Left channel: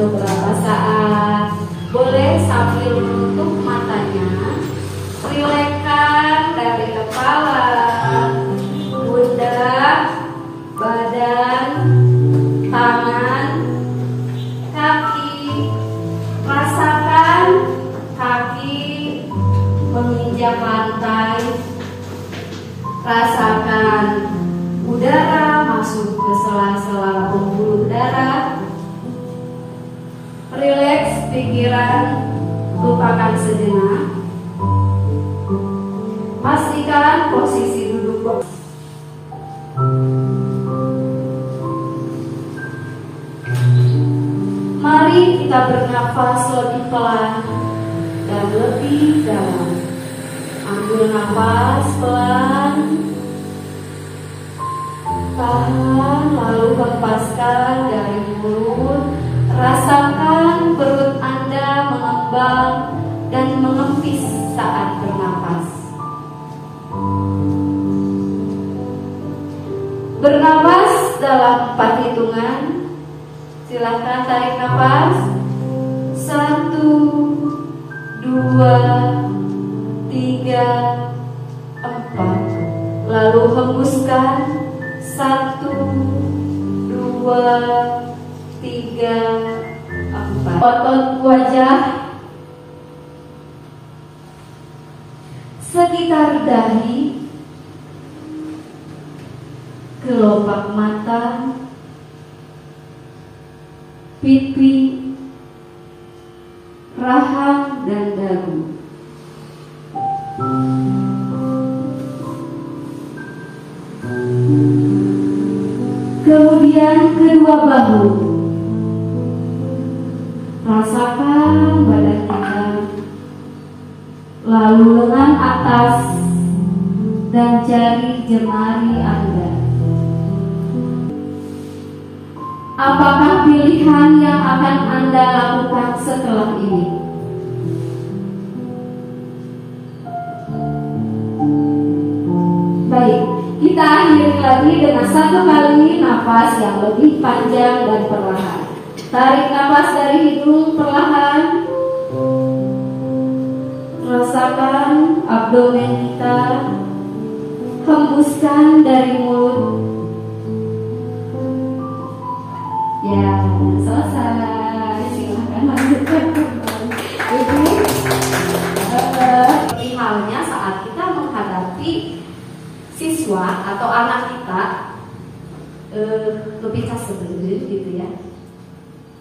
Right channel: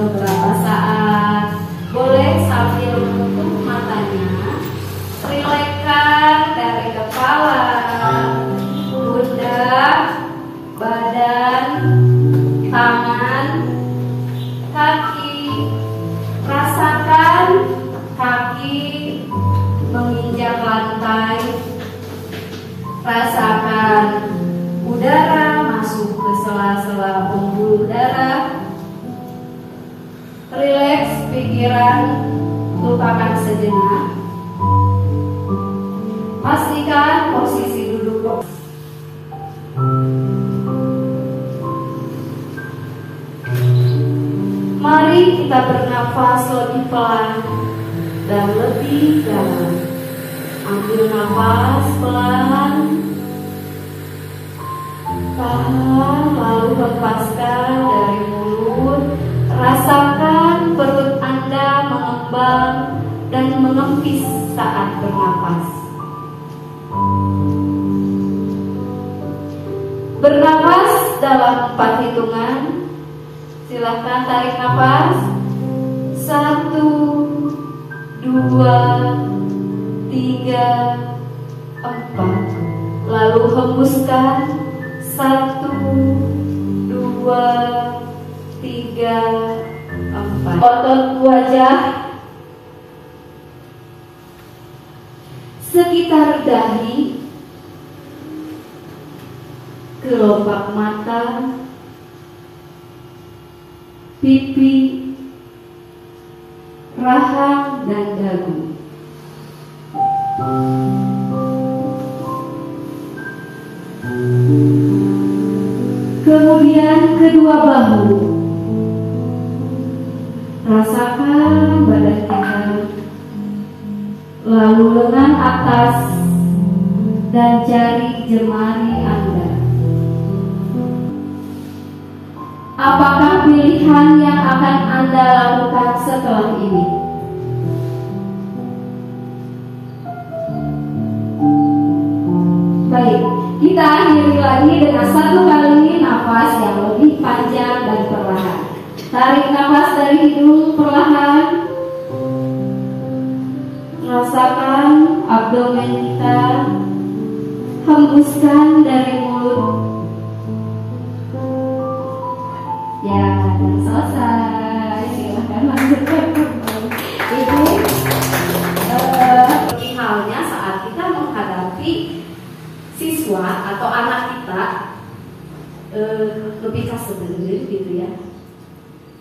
beberapa saat. Boleh sambil menutup matanya, rilekskan dari kepala, pundak, badan, tangan, kaki. Rasakan kaki menginjak lantai. Rasakan udara masuk ke sela-sela pembuluh darah. Rileks pikiran, lupakan sejenak. Pastikan posisi duduk. Mari kita bernafas lebih pelan dan lebih dalam. Ambil nafas pelan, tahan, lalu lepaskan dari mulut. Rasakan perut Anda mengembang dan mengempis saat bernafas. Bernafas dalam 4 hitungan. Silahkan tarik nafas. 1, 2, 3, 4. Lalu hembuskan. 1, 2, 3, 4. Otot wajah sekitar dahi, kelopak mata, pipi, rahang, dan dagu. Kemudian kedua bahu. Rasakan badan kita, lalu lengan atas dan jari jemari Anda. Apakah pilihan yang akan Anda lakukan setelah ini? Baik, kita akhiri lagi dengan 1 kali nafas yang lebih panjang dan perlahan. Tarik nafas dari hidung perlahan. Rasakan abdomen kita. Hembuskan dari mulut. Ya, selesai. Silahkan lanjutkan. Ini seperti halnya saat kita menghadapi siswa atau anak kita lebih kasar gitu ya.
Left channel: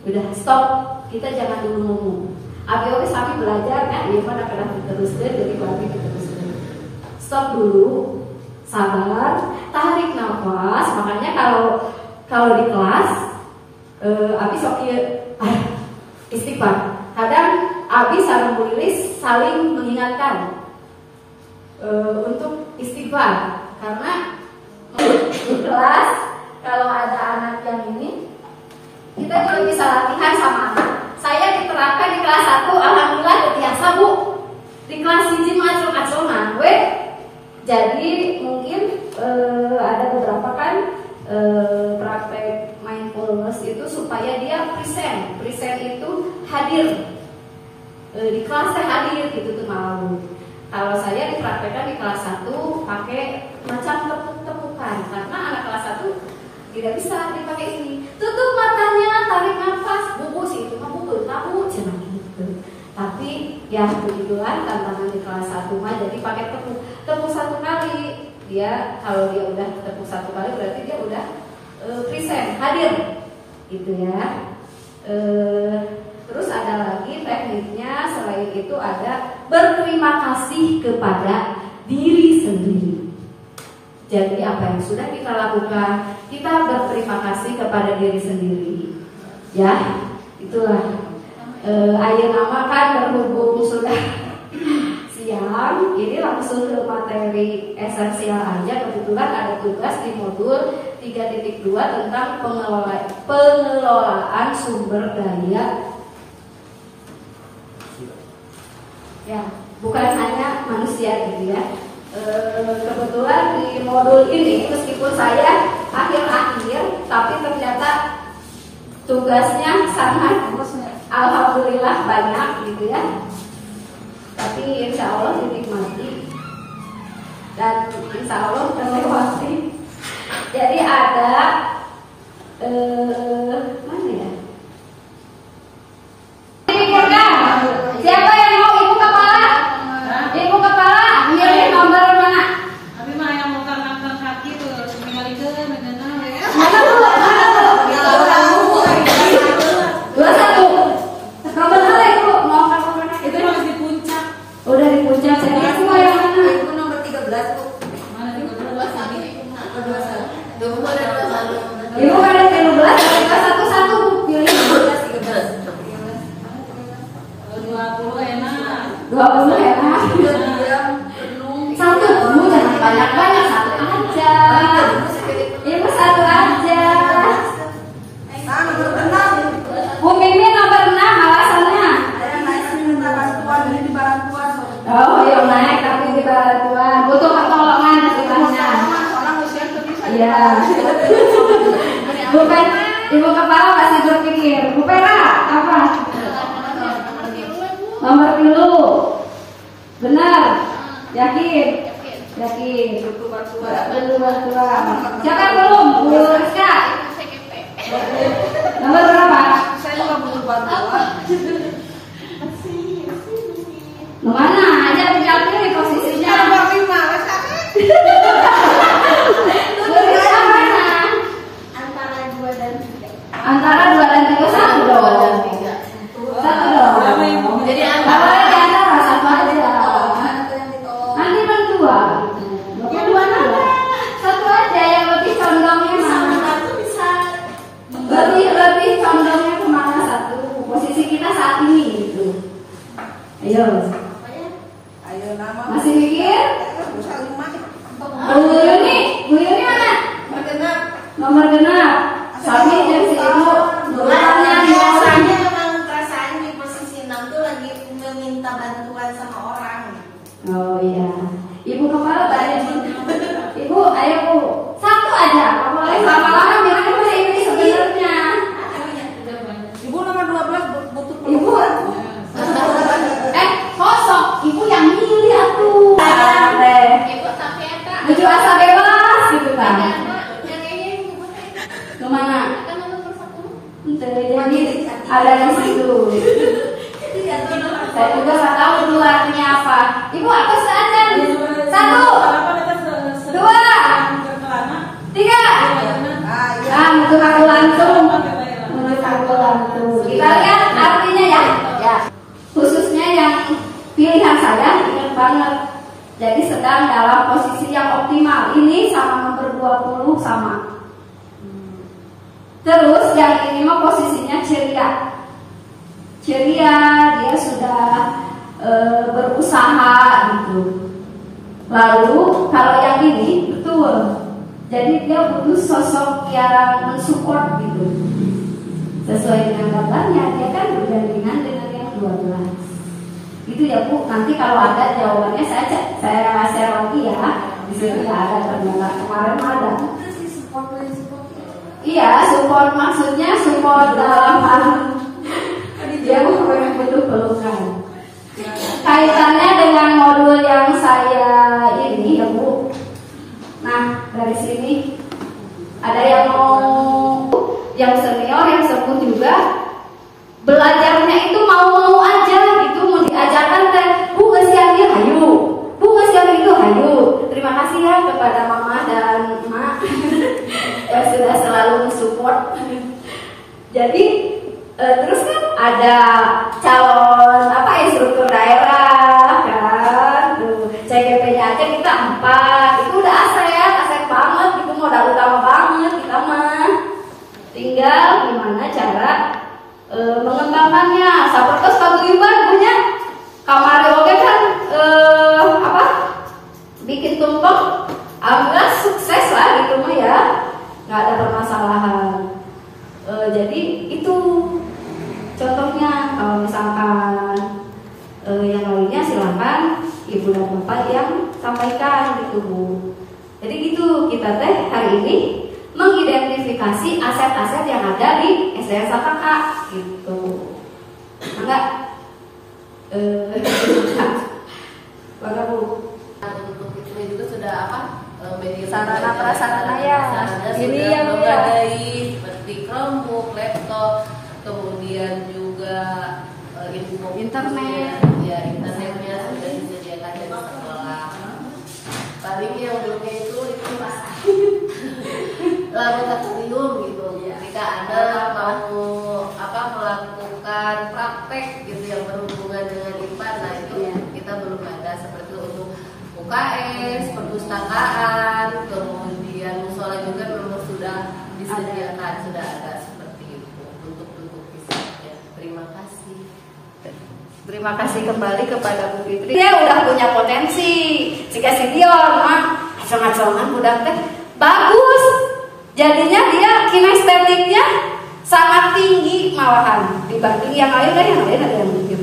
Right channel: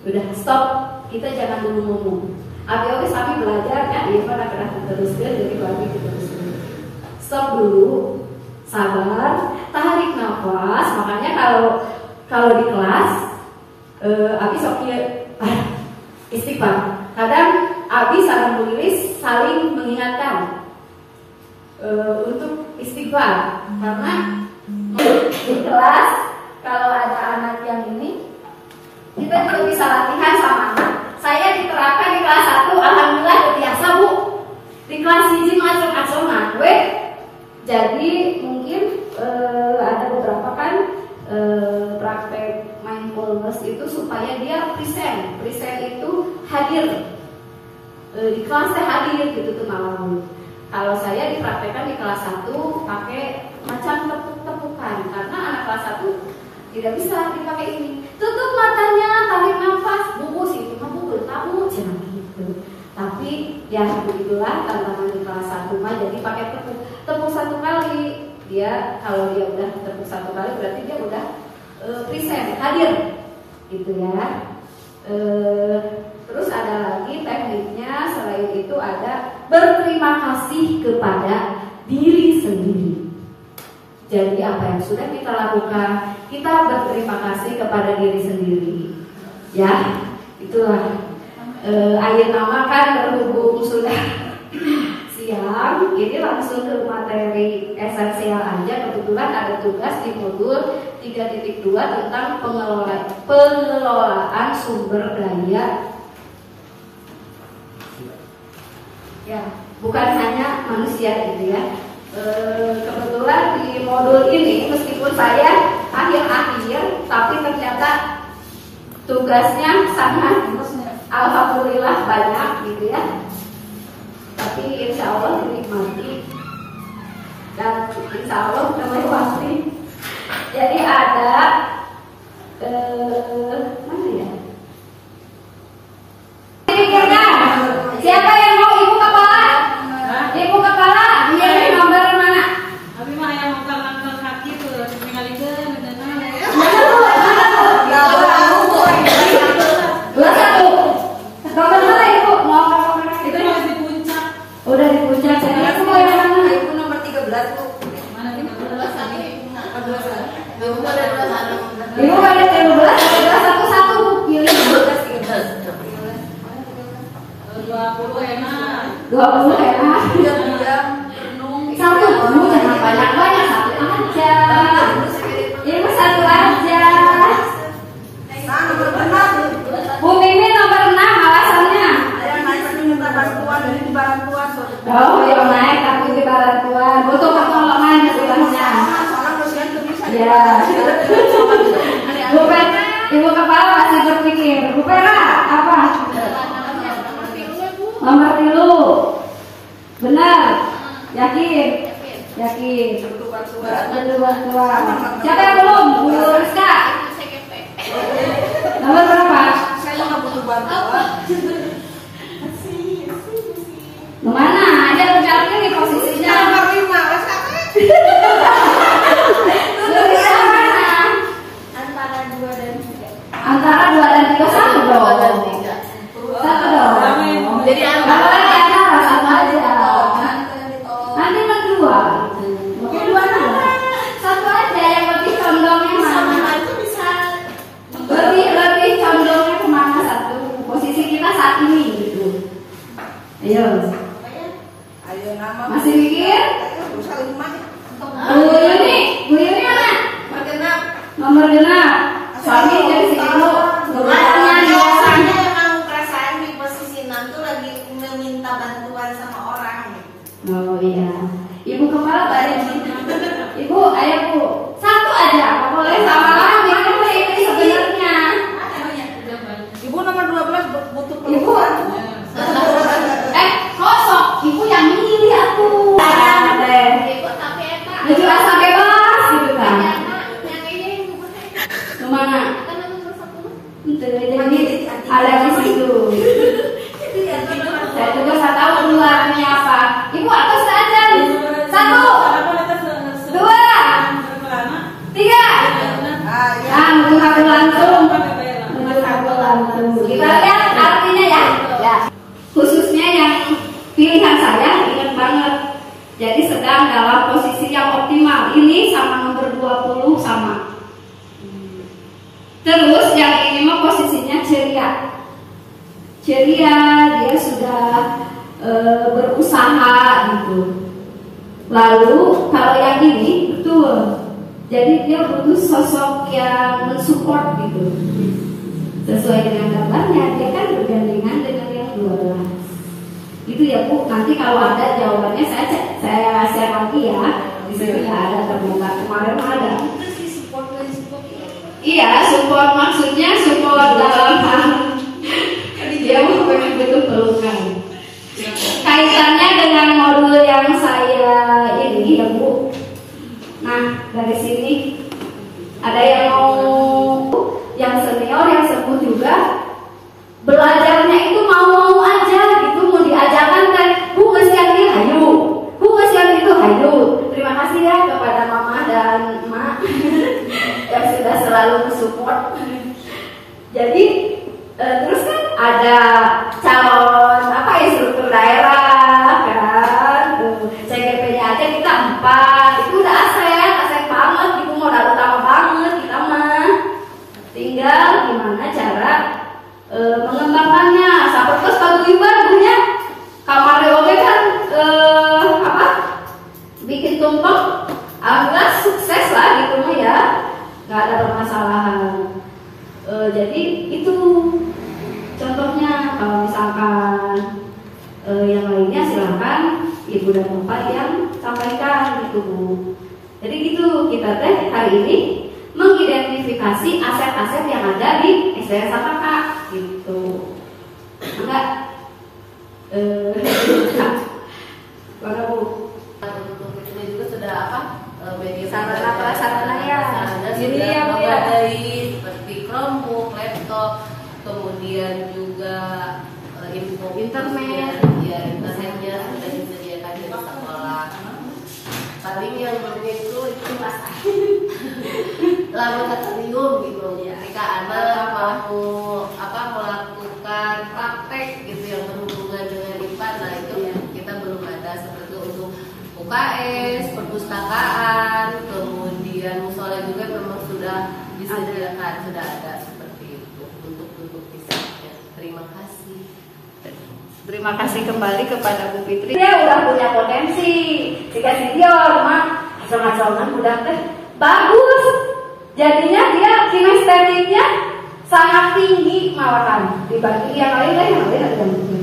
Udah stop, kita jangan dulu ngomong. Abi sampai belajar ya, dia pada terus jadi bagi terus. Stop dulu, sabar, tarik nafas. Makanya kalau di kelas, Abi sok istighfar. Kadang Abi sama Bu Lilis saling mengingatkan untuk istighfar, karena di kelas kalau ada anak yang ini, kita juga bisa latihan sama anak. Saya diterapkan di kelas 1, alhamdulillah biasa Bu. Di kelas 1 masuk asrama, jadi mungkin ada beberapa kan praktek mindfulness itu supaya dia present itu hadir di kelas, saya hadir gitu tuh malam. Kalau saya dipraktekkan di kelas 1 pakai macam tepuk-tepukan, karena anak kelas 1 tidak bisa dipakai ini. Tutup matanya, tarik nafas, buku sih itu mah buku tahu cina gitu. Tapi ya begitulah tantangan di kelas 1 mah, jadi pakai tepuk 1 kali. Dia kalau dia udah tepuk 1 kali berarti dia udah present, hadir gitu ya. Terus ada lagi tekniknya, selain itu ada berterima kasih kepada diri sendiri. Jadi apa yang sudah kita lakukan, kita berterima kasih kepada diri sendiri. Ya, itulah. Ayeuna nama kan berhubung sudah siang, ini langsung ke materi esensial aja. Kebetulan ada tugas di modul 3.2 tentang pengelolaan sumber daya. Ya, bukan hanya manusia gitu ya. Kebetulan di modul ini meskipun saya akhir-akhir, tapi ternyata tugasnya sangat alhamdulillah banyak gitu ya. Tapi insya Allah dinikmati dan insya Allah terlewati. Jadi ada mana ya? Siapa yang mau ibu kepala? Ibu kepala, ini nomor mana? Tapi mah yang mau angkat kaki tuh, sekali ke Dua satu. Nomor dua ibu mau nomor itu masih di puncak. udah di puncak. Saya semua yang mana? Ibu nomor 13 Bu. Mana 13 tadi? Ibu ada 21. Ibu ada 13, satu satu pilih 13. 20 enak. 20 enak. Satu bu jangan banyak banyak, satu aja. Ibu satu aja. Nomor 6. Bu Mimi nomor 6 alasannya. Saya naik minta bantuan dari bantuan. Oh ya naik tapi di bantuan butuh pertolongan istilahnya. Soalnya usia tuh bisa. Ya. Bu Pera, ibu kepala masih berpikir. Bu Pera apa? Nomor 3. Benar. Yakin? Yakin. Butuh bantuan. Bantuan. Siapa yang belum? Bu Rizka. Nomor berapa? Saya juga butuh bantuan. Mana? Ada berjalan ini posisinya. Nomor 5 masa? Rizka mana? Antara 2 dan 3. Antara 2 dan 3 satu dong. Satu dong. Jadi Apa lagi antara satu aja. Nanti berdua. Mungkin 2 nama. Satu aja yang lebih condongnya mana? Lebih condongnya kemana satu? Posisi kita saat ini gitu. Ayo. Ayo nama. Masih mikir? Bu Yuni mana? Nomor genap. Suami dari si ibu. Nomornya di kosan. Emang perasaan di posisi 6 tuh lagi meminta bantuan sama orang. Oh iya. Ibu kepala tak ada. Ibu, ayo bu. Satu aja. Nggak boleh lama-lama biar ini sebenarnya. Ibu nomor 12 butuh Ibu. Kosong. Ibu yang milih aku. Ada. Baju asal bebas gitu kan. Kemana? Jadi ada di situ. Saya juga nggak tahu luarnya apa. Ibu apa saja? 1, 2, 3. Nah, menurut aku langsung. Menurut aku langsung. Kita lihat artinya ya. Ya. Khususnya yang pilihan saya ingat banget. Jadi sedang dalam posisi yang optimal. Ini sama nomor 20 sama. Terus yang ini mah posisinya ceria. Ceria, dia sudah berusaha gitu. Lalu kalau yang ini betul. Jadi dia butuh sosok yang mensupport gitu. Sesuai dengan gambarnya, dia kan bergandengan dengan yang 12. Itu ya Bu, nanti kalau ada jawabannya saya share lagi ya. Di sini nggak ada ternyata, kemarin ada. Iya, support maksudnya support dalam hal dia butuh pelukan. Kaitannya dengan modul yang saya ini ya Bu. Nah dari sini ada yang mau yang senior yang sepuh juga belajarnya itu mau aja gitu, mau diajarkan kan Bu kasihan nih hayu, Bu kasihan itu hayu. Terima kasih ya kepada Mama dan Mak yang sudah selalu mensupport. Jadi terus kan ada calon instruktur daerah kan, CGP-nya aja kita 4, itu udah aset banget, itu modal utama banget kita mah. Tinggal gimana cara mengembangkannya. Seperti paguyuban punya kamar oke kan bikin tumpeng, alhamdulillah sukses lah gitu mah ya, nggak ada permasalahan. Jadi itu contohnya. Kalau misalkan yang lainnya silakan Ibu dan Bapak yang sampaikan gitu Bu. Jadi gitu kita teh hari ini mengidentifikasi aset-aset yang ada di SDN Sataka gitu. internet. Ya, internetnya sudah disediakan di sekolah. Paling yang belumnya itu pas laboratorium gitu. Ketika anak mau melakukan praktek gitu yang berhubungan dengan IPA, nah itu kita belum ada seperti untuk UKS, perpustakaan, kemudian musola juga memang sudah disediakan, sudah ada seperti itu untuk fisiknya. Terima kasih. Terima kasih kembali kepada Bu Fitri. Dia udah punya potensi. Jika si Dion mah macam-macaman udah bagus. Jadinya dia kinestetiknya sangat tinggi malahan dibanding yang lain ada yang mungkin.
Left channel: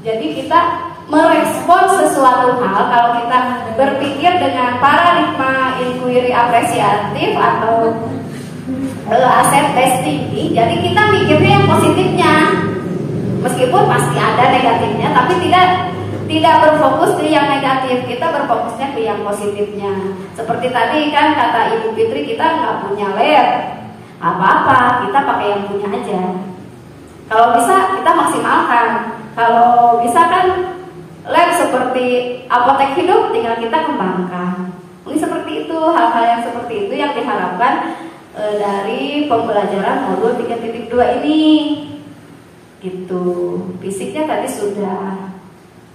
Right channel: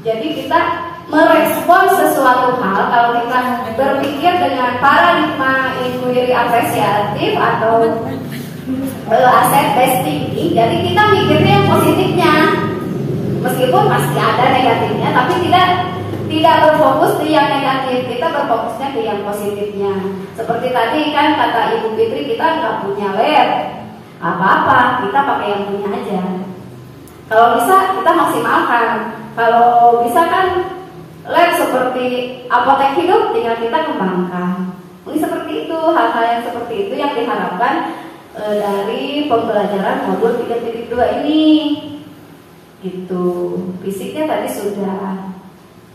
Jadi kita merespon sesuatu hal kalau kita berpikir dengan paradigma inquiry apresiatif atau asset based thinking. Jadi kita mikirnya yang positifnya. Meskipun pasti ada negatifnya, tapi tidak berfokus di yang negatif, kita berfokusnya ke yang positifnya. Seperti tadi kan kata Ibu Fitri, kita nggak punya lab, apa-apa, kita pakai yang punya aja. Kalau bisa kita maksimalkan. Kalau bisa kan lab seperti apotek hidup, tinggal kita kembangkan. Ini seperti itu, hal-hal yang seperti itu yang diharapkan dari pembelajaran modul 3.2 ini. Itu fisiknya tadi sudah.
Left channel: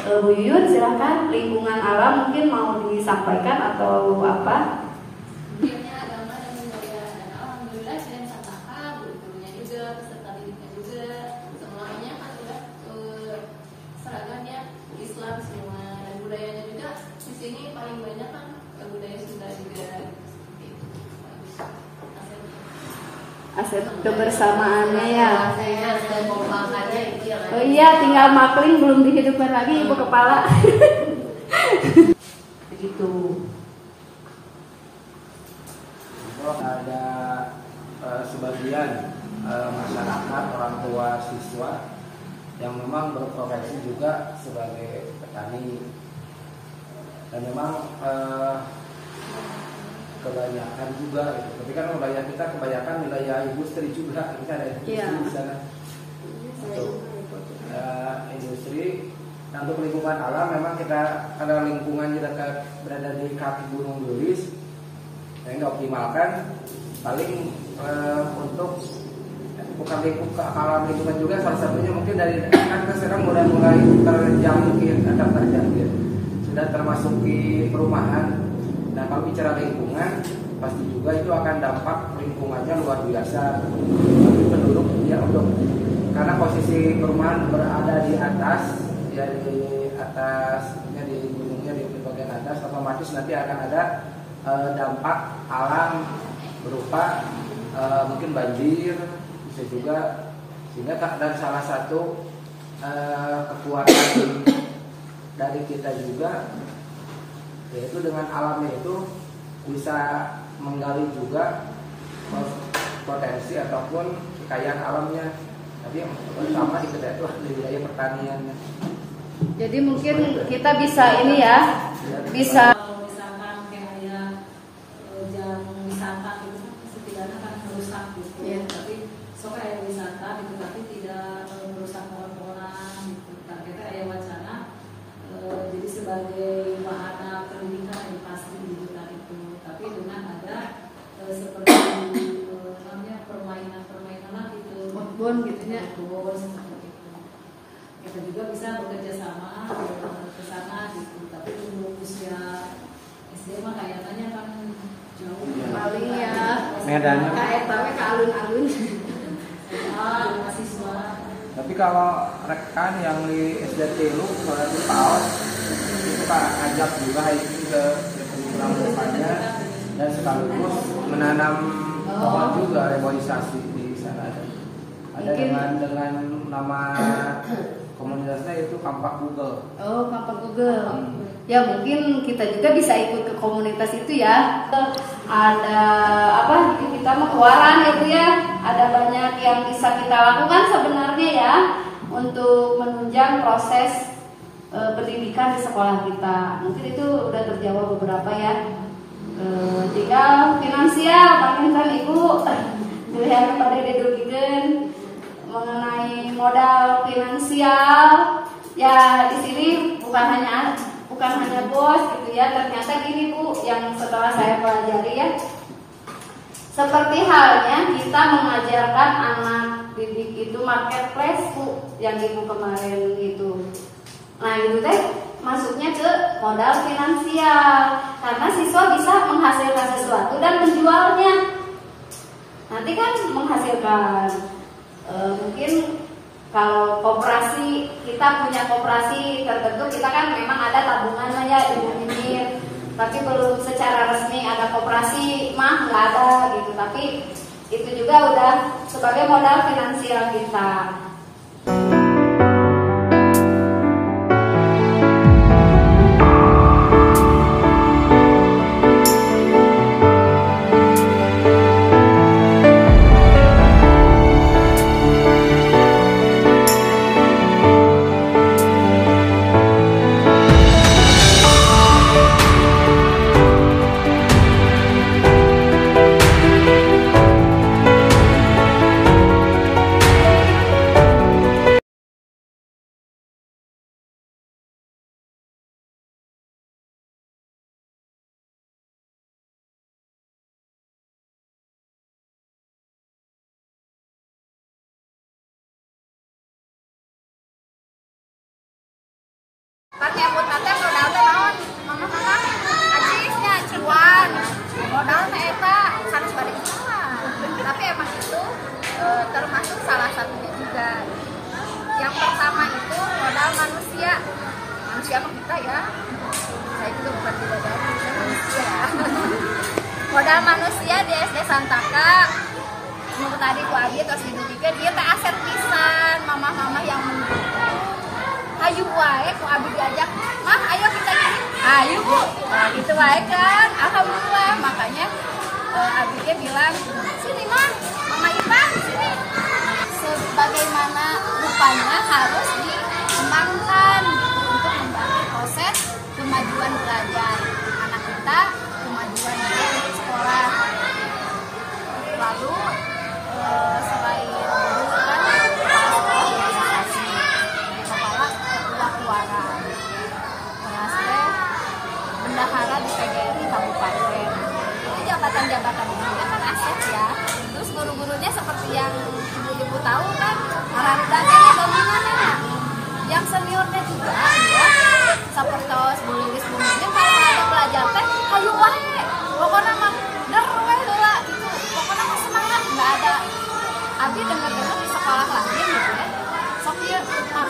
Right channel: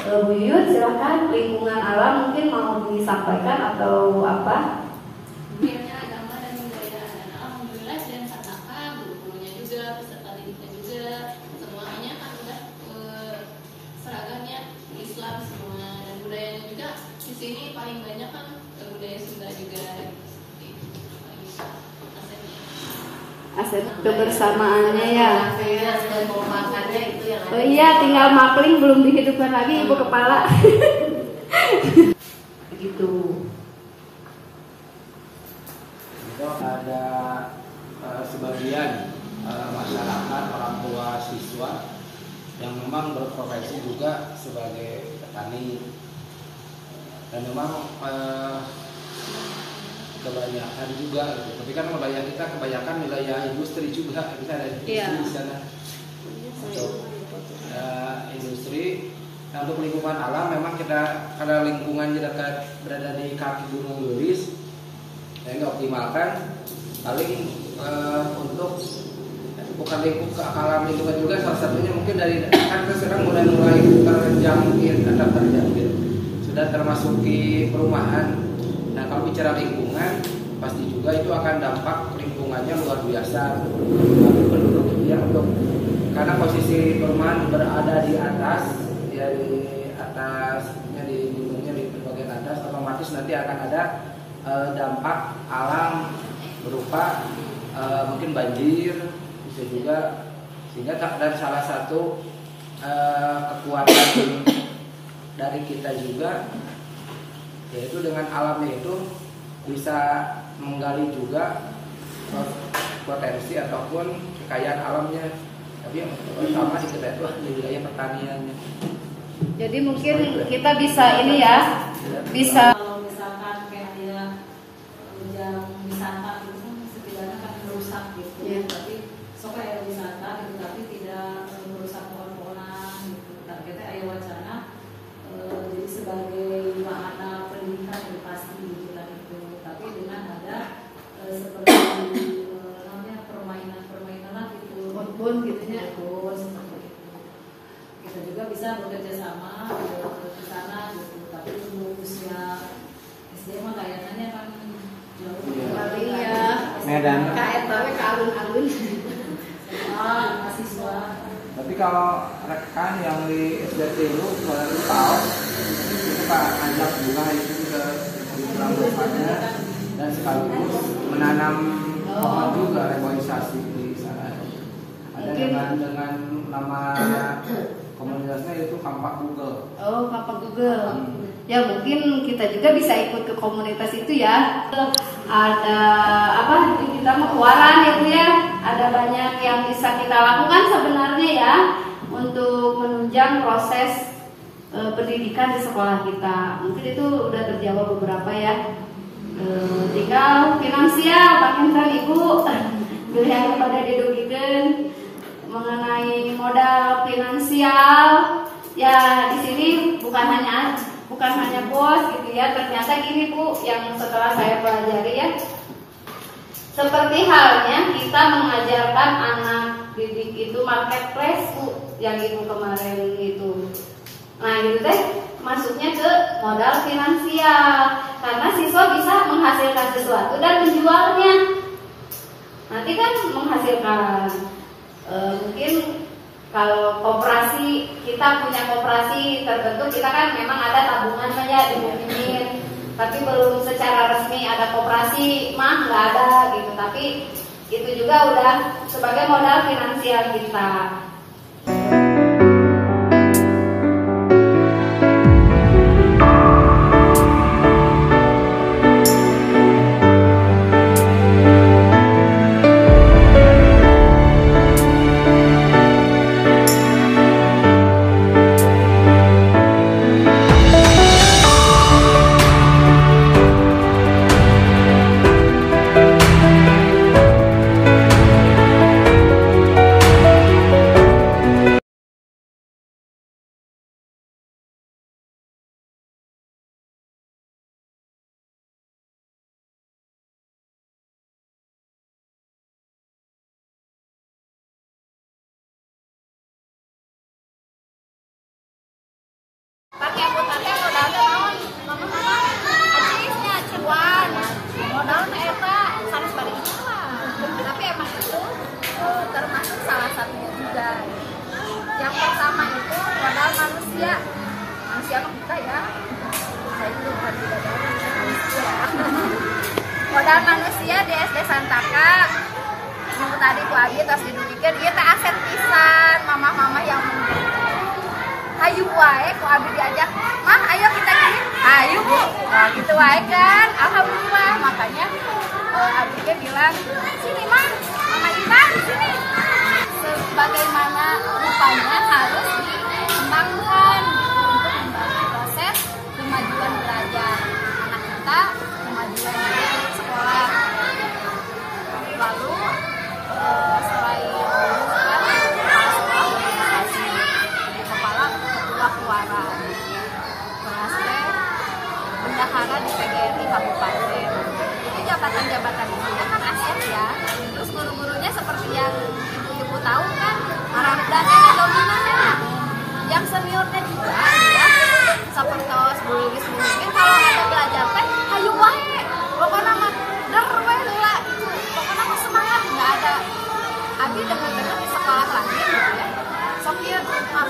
Bu Yuyun silakan, lingkungan alam mungkin mau disampaikan atau apa? Mungkinnya agama dan budaya, dan alhamdulillah dan fataka, gurunya juga, peserta didiknya juga, semuanya kan udah seragamnya Islam semua, dan budayanya juga di sini paling banyak kan budaya Sunda juga. Aset kebersamaannya ya. Pemakannya itu yang ada. Oh iya, tinggal makling belum dihidupkan lagi Ibu Kepala. Begitu. Ada sebagian masyarakat, orang tua siswa yang memang berprofesi juga sebagai petani, dan memang kebanyakan juga gitu. Tapi kan wilayah kita kebanyakan wilayah industri juga, bisa ada industri di sana. Untuk industri. Nah, untuk lingkungan alam memang kita ada lingkungannya dekat berada di kaki Gunung Gelis, saya nggak optimalkan. Paling untuk bukan alam lingkungan juga, salah satunya mungkin dari kan kita sekarang mulai terjangkit atau terjangkit sudah termasuki perumahan. Nah, kalau bicara lingkungan, pasti juga itu akan dampak lingkungannya luar biasa. Penduduk ya, karena posisi perumahan berada di atas, ya di atasnya di gunungnya di bagian atas, otomatis nanti akan ada dampak alam berupa mungkin banjir, bisa juga, sehingga dan salah satu kekuatan dari kita juga yaitu dengan alamnya itu bisa menggali juga potensi ataupun kekayaan alamnya, tapi yang pertama di kita itu di wilayah pertaniannya. Jadi mungkin kita bisa ini ya, bisa Kalau misalkan kayak ada jam wisata itu kan setidaknya kan merusak gitu. Iya. Tapi so kayak wisata gitu, tapi tidak merusak pohon-pohonan gitu. Targetnya aya wacana jadi sebagai wahana pendidikan edukasi gitu kan itu. Tapi dengan ada seperti namanya permainan-permainan lah gitu. Kebun gitu ya. Betul, seperti itu. Kita juga bisa bekerja sama ke sana gitu. Tapi untuk usia SD mah kayaknya kan jauh. Iya. paling ya Medannya. KRTW ke alun-alun. Mahasiswa. Tapi kalau rekan yang di SDT lu misalnya di PAUD itu Pak ajak juga itu ke curriculum depannya, dan sekaligus menanam pohon juga, reboisasi di sana. Ada dengan nama komunitasnya itu Kampak Google. Oh, Kampak Google. Ya mungkin kita juga bisa ikut ke komunitas itu ya. Ada apa? Kita mau keluaran ya Bu ya. Ada banyak yang bisa kita lakukan sebenarnya ya untuk menunjang proses pendidikan di sekolah kita. Mungkin itu udah terjawab beberapa ya. Tinggal finansial, bahkan kan Ibu pilihan kepada dedukikeun mengenai modal finansial. Ya di sini bukan hanya bos gitu ya. Ternyata gini Bu, yang setelah saya pelajari ya, seperti halnya kita mengajarkan anak didik itu marketplace Bu, yang ibu kemarin itu. Nah itu teh masuknya ke modal finansial, karena siswa bisa menghasilkan sesuatu dan menjualnya. Nanti kan menghasilkan mungkin kalau koperasi, kita punya koperasi tertentu, kita kan memang ada tabungan aja dibunyiin, tapi belum secara resmi ada koperasi mah nggak ada gitu. Tapi itu juga udah sebagai modal finansial kita. Pakai buat nanti modal teh naon? Mama ajisnya cuan. Modal teh eta sanes bari jalan. Tapi emang itu termasuk salah satunya juga. Yang pertama itu modal manusia. Manusia mah kita ya. Saya juga bukan bidadari, saya manusia. Modal manusia di SD Santaka. Menurut tadi ku abi tos didudikeun ieu teh aset pisan mamah-mamah yang mendukung. Hayu wae ku abi diajak, "Mah, ayo kita gini." Ayo Bu. Nah, gitu wae kan. Alhamdulillah. Makanya abike bilang, "Sini Mah, Mama Ipan sini." Sebagaimana rupanya harus dikembangkan untuk membantu proses kemajuan belajar anak kita, kemajuan dia untuk sekolah. Lalu selain guru kan kepala sekolah organisasi, kepala ketua keluaran, terus bendahara di PGRI kabupaten. Jadi jabatan-jabatan ini kan aset ya. Terus guru-gurunya seperti yang ibu-ibu tahu kan, marahdananya dominannya. Yang seniornya juga ya, sapertos Bu Lilis Bu Mimin kalau ada belajar teh hayu wae. Pokoknya mah der we heula gitu. Pokoknya mah semangat, enggak ada abi dengar-dengar di sekolah lain gitu ya. Sok ieu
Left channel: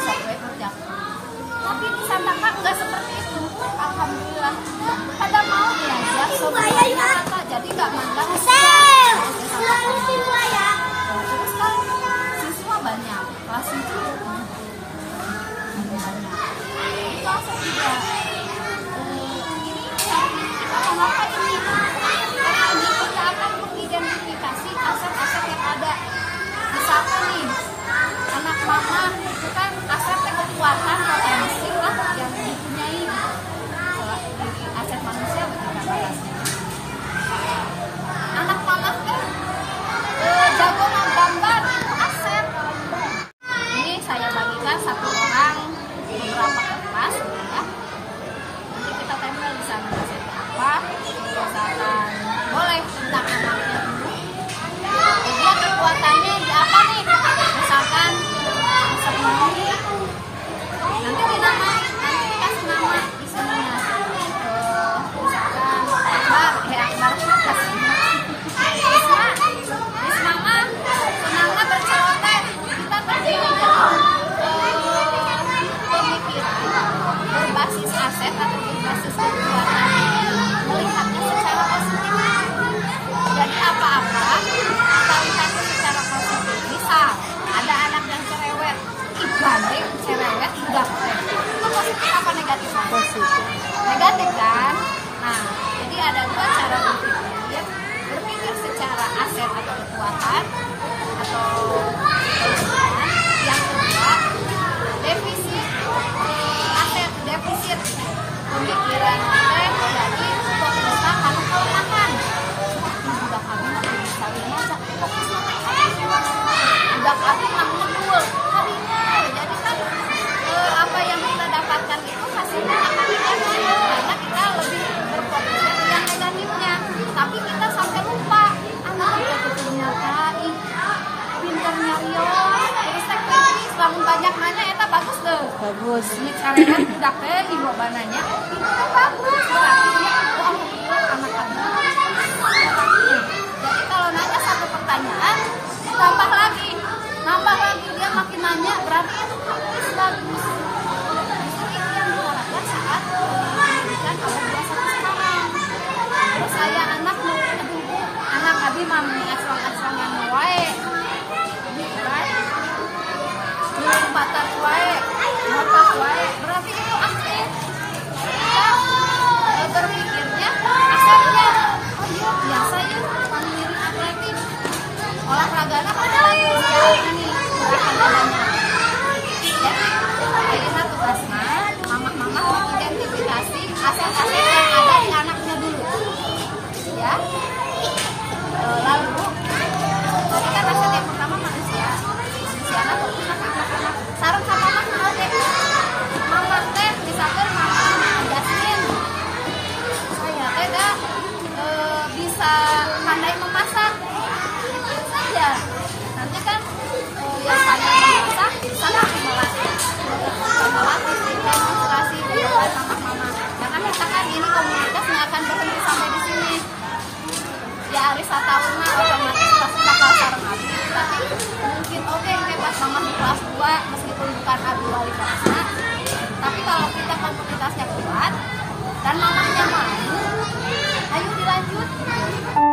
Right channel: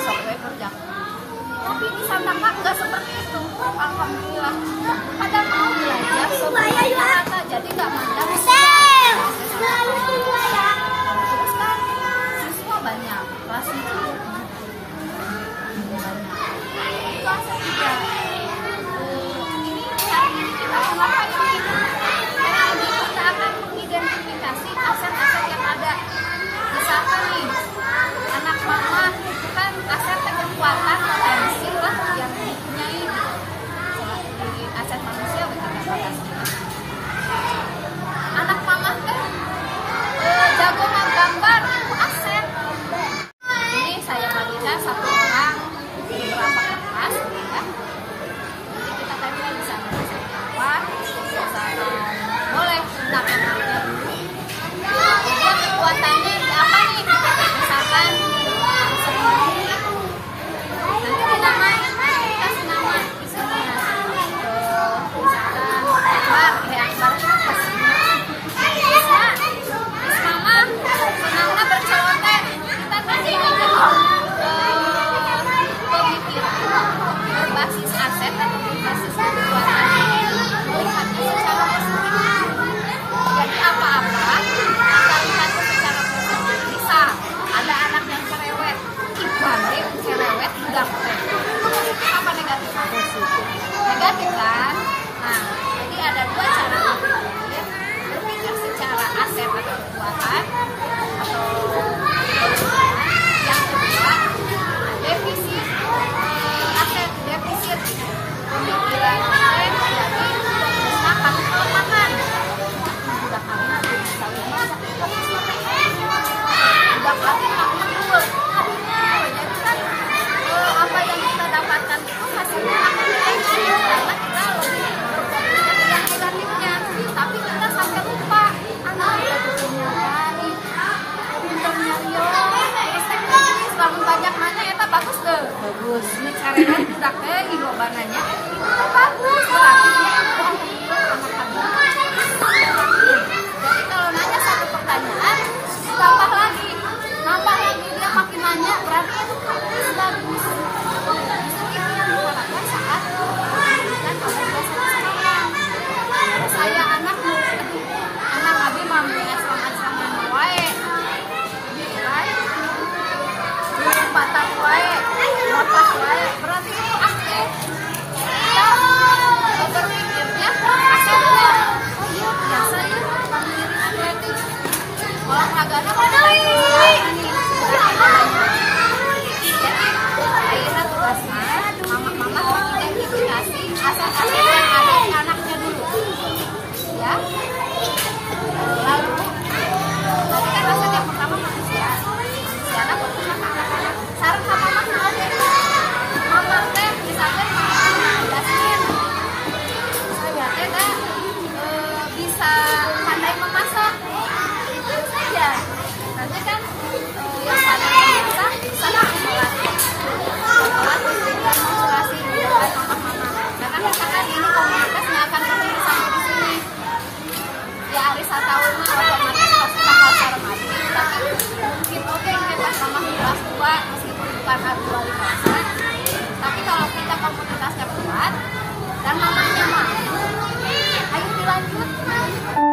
sok we kerja. Tapi di Santaka enggak seperti itu. Alhamdulillah. Pada mau belajar semuanya rata, jadi enggak mandang siswa. Terus kan siswa banyak, kelas itu banyak. Itu aset juga. Ini hari ini kita mau ngapain nih? Hari ini kita akan mengidentifikasi aset-aset yang ada. Misalkan nih, anak mama itu kan aset kekuatan potensi lah yang dipunyai. Jadi aset manusia bagi katakan. Anak mama kan jago menggambar itu aset. Ini saya bagikan satu orang beberapa kertas ya. Nanti kita tempel di sana asetnya apa. Misalkan boleh tentang anaknya dulu. Dia kekuatannya di apa nih? Misalkan seni. Nanti dinamain, nanti dikasih nama di sini ya. Misalkan Akbar kasih Risma, Mama senangnya berceloteh. Kita kan jadi pemikiran berbasis aset atau berbasis kekuatan, melihatnya secara positif. Jadi apa-apa kita lihatnya secara positif. Misal ada anak yang cerewet, ibane cerewet gaptek. Itu positif apa negatif? Negatif kan? Nah, jadi ada dua cara berpikir secara aset atau kekuatan atau kelebihan. Yang kedua, defisit aset, defisit pemikiran teh jadi fokusnya karena kelemahan. Budak kami nanti bisa lima, fokusnya udah kami lamun banyak nanya eta bagus deh. Bagus. Ini caranya budak teh di loba nanya. Itu teh bagus berarti ya. Oh, alhamdulillah anak kami. Jadi kalau nanya satu pertanyaan, tambah lagi dia makin nanya berarti itu bagus. Itu yang diharapkan saat pendidikan abad 21 sekarang. Terus saya anak abi mami asrang-asrangan wae gitu kan, belum patat wae, motak wae, berarti itu aktif. Kita berpikirnya akhirnya, oh iya biasa ya kami ngiring atletis, olahraganya pasti bagus ya, ini gerakannya banyak. Jadi akhirnya tugasnya mama mengidentifikasi aset-aset yang ada di anaknya dulu ya. Lalu tadi kan aset yang pertama manusia anak fokusnya ke anak-anak sareng sama mama mau deh mama teh misalkan mama Jasmine saya teh gak bisa pandai memasak itu saja nanti kan yang pandai memasak sana melatih demonstrasi dengan mama karena misalkan ini komunitas nggak akan berhenti sampai di sini ya Arisa tahun mah otomatis pasti bakal sareng abi tapi mungkin oke pas mama kelas 2 meskipun bukan abi wali kelasnya tapi kalau kita komunitasnya kuat dan mamanya mau ayo dilanjut.